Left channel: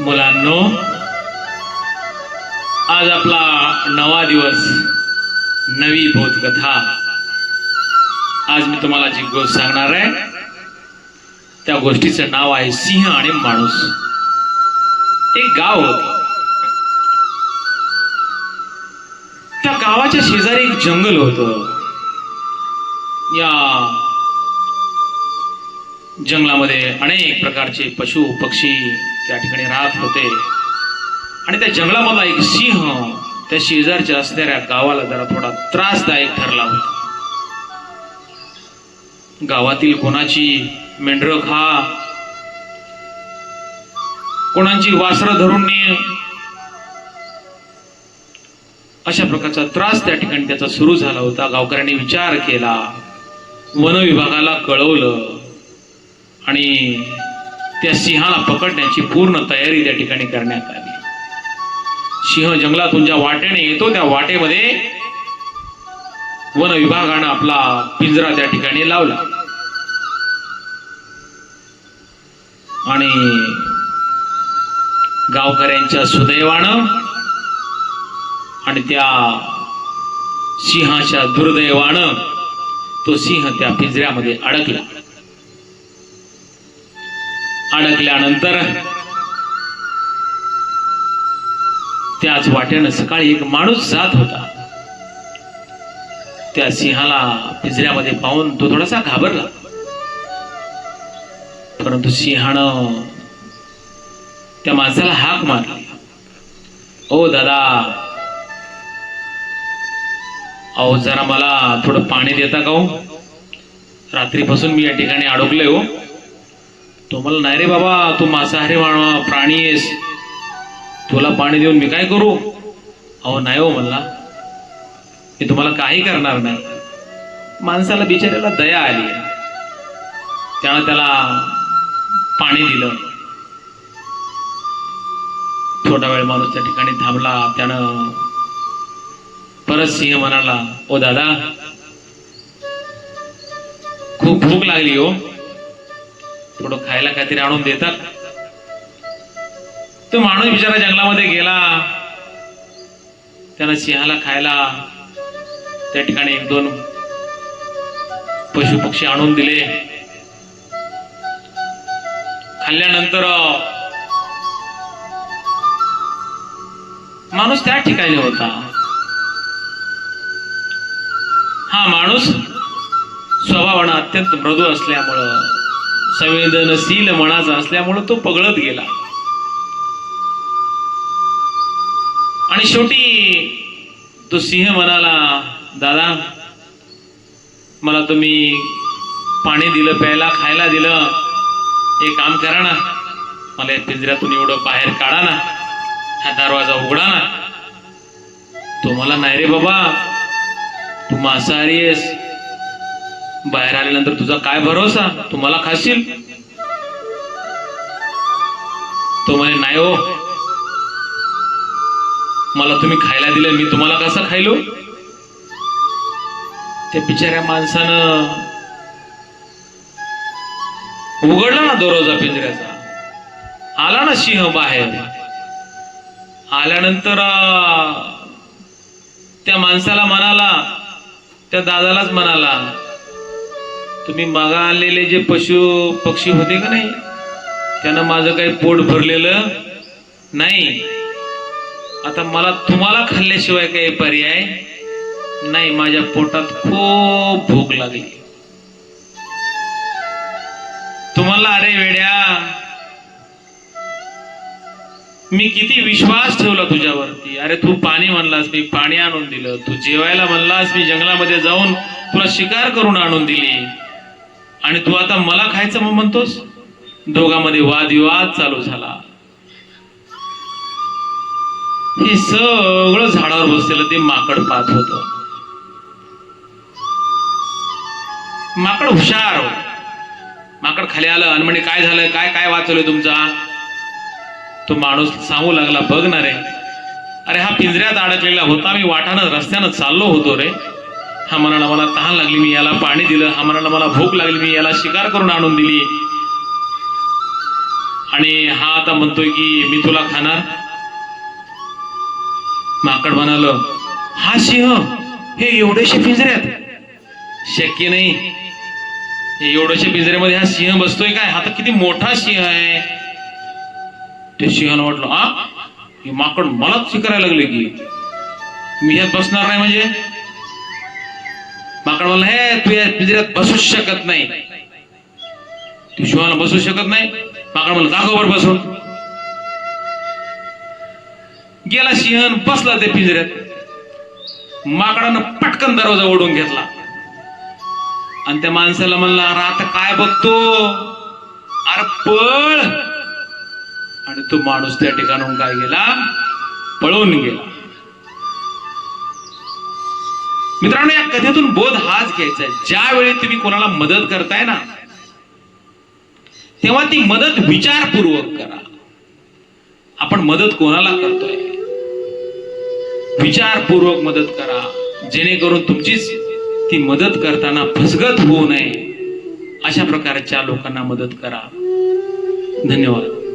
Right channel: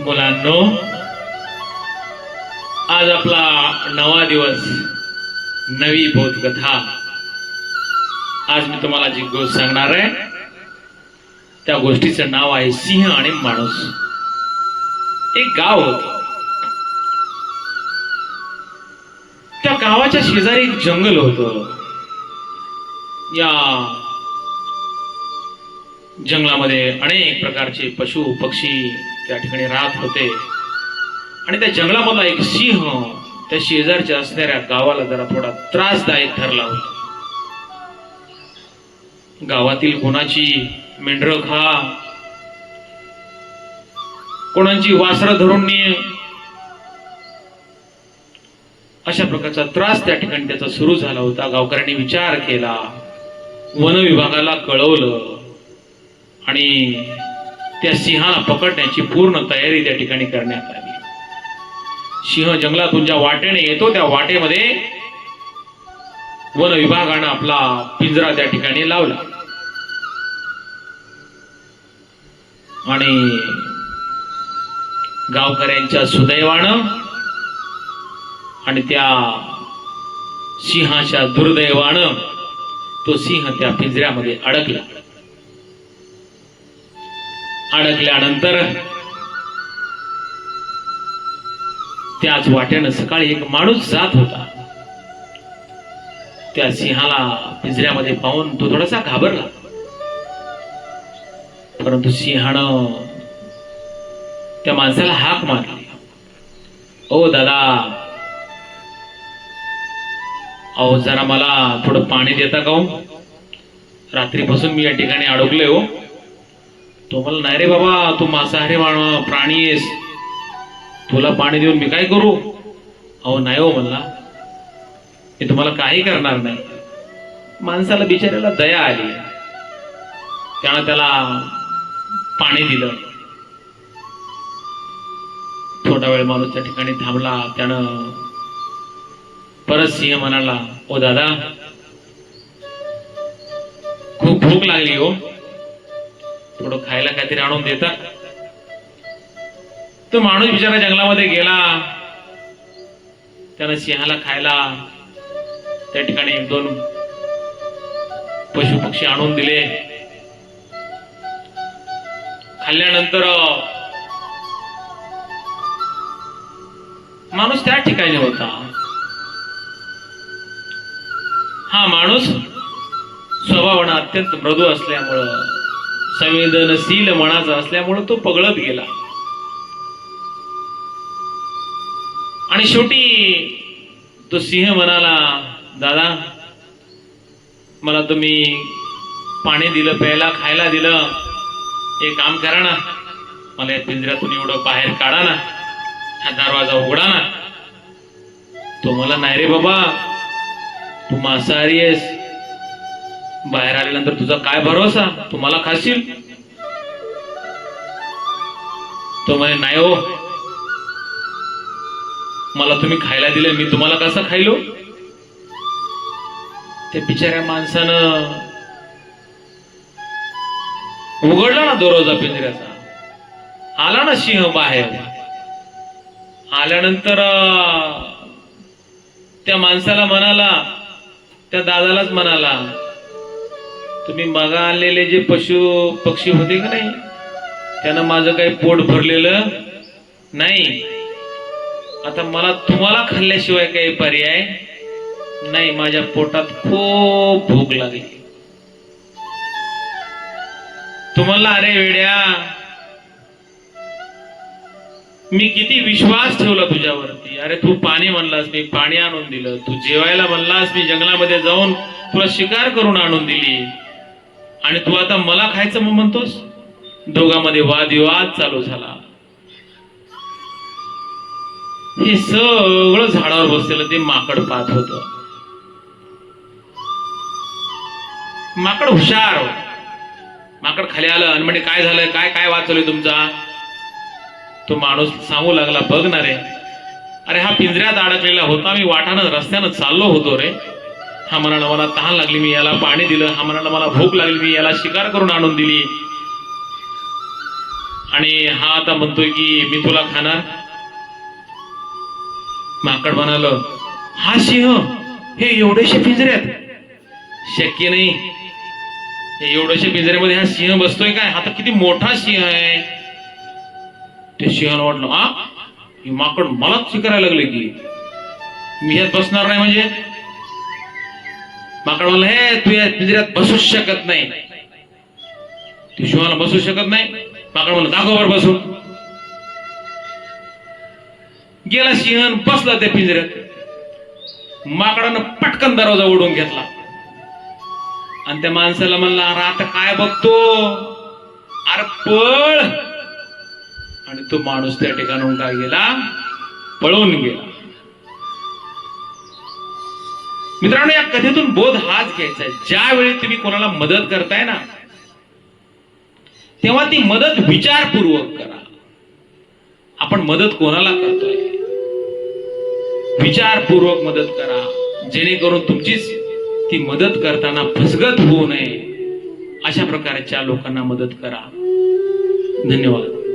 मुलांनो आज आपला नवा दिवस नवी बोधकथा आज मी तुम्हाला जी गोष्ट सांगणार आहे त्या गोष्टीचं नाव आहे सिंह आणि माणूस. एक गाव होत. त्या गावाच्या शेजारी एक जंगल होत. या जंगलामध्ये अनेक प्रकारचे पशु पक्षी त्या ठिकाणी राहत होते. आणि त्या जंगलामधला एक सिंह त्या शेजारच्या असणाऱ्या गावाला जरा थोडा त्रासदायक ठरला होता. गावातील कोणाची मेंढर खा कोणाची वासरं धरून ने. अशा प्रकारचा त्रास त्या ठिकाणी त्याचा सुरू झाला होता. गावकऱ्यांनी विचार केला. वन विभागाला कळवलं. आणि त्या सिंहाला पकडण्याची पूर्ण तयारी त्या ठिकाणी करण्यात आली. सिंह जंगलातून ज्या वाटेने येतो त्या वाटेमध्ये वन विभागानं आपला पिंजरा त्या ठिकाणी लावला. आणि गावकऱ्यांच्या सुदैवानं आणि त्या सिंहाच्या दुर्दैवानं तो सिंह त्या पिंजऱ्यामध्ये अडकला. अडकल्यानंतर त्याच वाट्यानं सकाळी एक माणूस जात होता. त्या सिंहाला पिंजऱ्यामध्ये पाहून तो थोडासा घाबरला. परंतु सिंहानं त्या माणसाला हाक मारली. ओ दादा अहो जरा मला थोडं पाणी देता का हो? रात्रीपासून मी या ठिकाणी अडकले हो. तो मला नाही रे बाबा तू मांसाहारी माण- प्राणी आहेस. तुला पाणी देऊन मी काय करू? अहो नाही हो म्हणला. मी तुम्हाला काही करणार नाही. माणसाला बिचाऱ्याला दया आली. त्यानं त्याला पाणी दिलं. थोडा वेळ माणूस त्या ठिकाणी थांबला. त्यानं परत सिंह म्हणाला ओ दादा खूप भूक लागली हो. थोडं खायला काहीतरी आणून देतात. तो माणूस बिचारा जंगलामध्ये गेला. त्यानं सिंहाला खायला. त्या ठिकाणी एक दोन पशु पक्षी आणून दिले. खाल्ल्यानंतर माणूस त्या ठिकाणी होता. हा माणूस स्वभावानं अत्यंत मृदू असल्यामुळं संवेदनशील मनाचा असल्यामुळं तो पगळत गेला. आणि शेवटी तो सिंह म्हणाला दादा मला तुम्ही पाणी दिलं प्यायला खायला दिलं. हे काम करा ना. मला या पिंजऱ्यातून एवढं बाहेर काढा ना. हा दरवाजा उघडा ना. तो मला नाही रे बाबा. तू मांसाहारी आहेस. बाहेर आल्यानंतर तुझा काय भरोसा? तू मला खाशील? तो म्हणे नाही हो. मला तुम्ही खायला दिलं मी तुम्हाला कसं खायलो? त्या बिचाऱ्या माणसानं उघडला ना दरवाजा पिंजऱ्याचा. आला ना सिंह बाहेर. आल्यानंतर त्या माणसाला म्हणाला त्या दादालाच म्हणाला तुम्ही मागा आणलेले जे पशु पक्षी होते का नाही? त्यानं माझं काही पोट भरलेलं नाही. आता मला तुम्हाला खाल्ल्याशिवाय काही पर्याय नाही. माझ्या पोटात खूप भूक लागली. तुम्हाला अरे वेड्या मी किती विश्वास ठेवला तुझ्यावरती. अरे तू पाणी म्हणलास मी पाणी आणून दिलं. तू जेवायला म्हणलास मी जंगलामध्ये जाऊन तुला शिकार करून आणून दिली. आणि तू आता मला खायचं मग म्हणतोस? दोघांमध्ये वादविवाद चालू झाला. हे सगळं झाडावर बसलेलं ते माकड पाहत होत. माकड हुशार. माकड खाली आलं आणि म्हणे काय झालं काय काय वाचवलंय तुमचा? तो माणूस सांगू लागला बघ ना रे. अरे हा पिंजऱ्यात अडकलेला होता. मी वाटानं रस्त्यानं चाललो होतो रे. हा मनाला मला तहान लागली मी याला पाणी दिलं. हा मनाला मला भूक लागली मी याला शिकार करून आणून दिली. आणि हा आता म्हणतोय की मी तुला खाणार. माकड म्हणाल हा सिंह हे एवढेशे पिंजऱ्यात शक्य नाही. हे एवढ्याशा पिंजऱ्यामध्ये हा सिंह बसतोय काय? हा तर किती मोठा सिंह आहे. ते सिंहाला वाटलं हा माकड मलाच शिकायला लागले की? मी ह्यात बसणार नाही म्हणजे? माकडून हे तू या पिंजऱ्यात बसूच शकत नाही. तू शिवाला बसू शकत नाही. माकड म्हणलं दाखव बसून. गेला सिंह बसला त्या पिंजऱ्यात. माकडानं पटकन दरवाजा ओढून घेतला. आणि त्या माणसाला म्हणला अरे आता काय बघतो? अरे पळ. आणि तो माणूस त्या ठिकाणाहून काय गेला? पळून गेला. मित्रांनो या कथेतून बोध हाच घ्यायचा आहे. ज्यावेळी तुम्ही कोणाला मदत करताय ना तेव्हा ती मदत विचारपूर्वक करा. आपण मदत कोणाला करतोय? विचारपूर्वक मदत करा. जेणेकरून तुमचीच ती मदत करताना फसगत होऊ नये. अशा प्रकारच्या लोकांना मदत करा. धन्यवाद.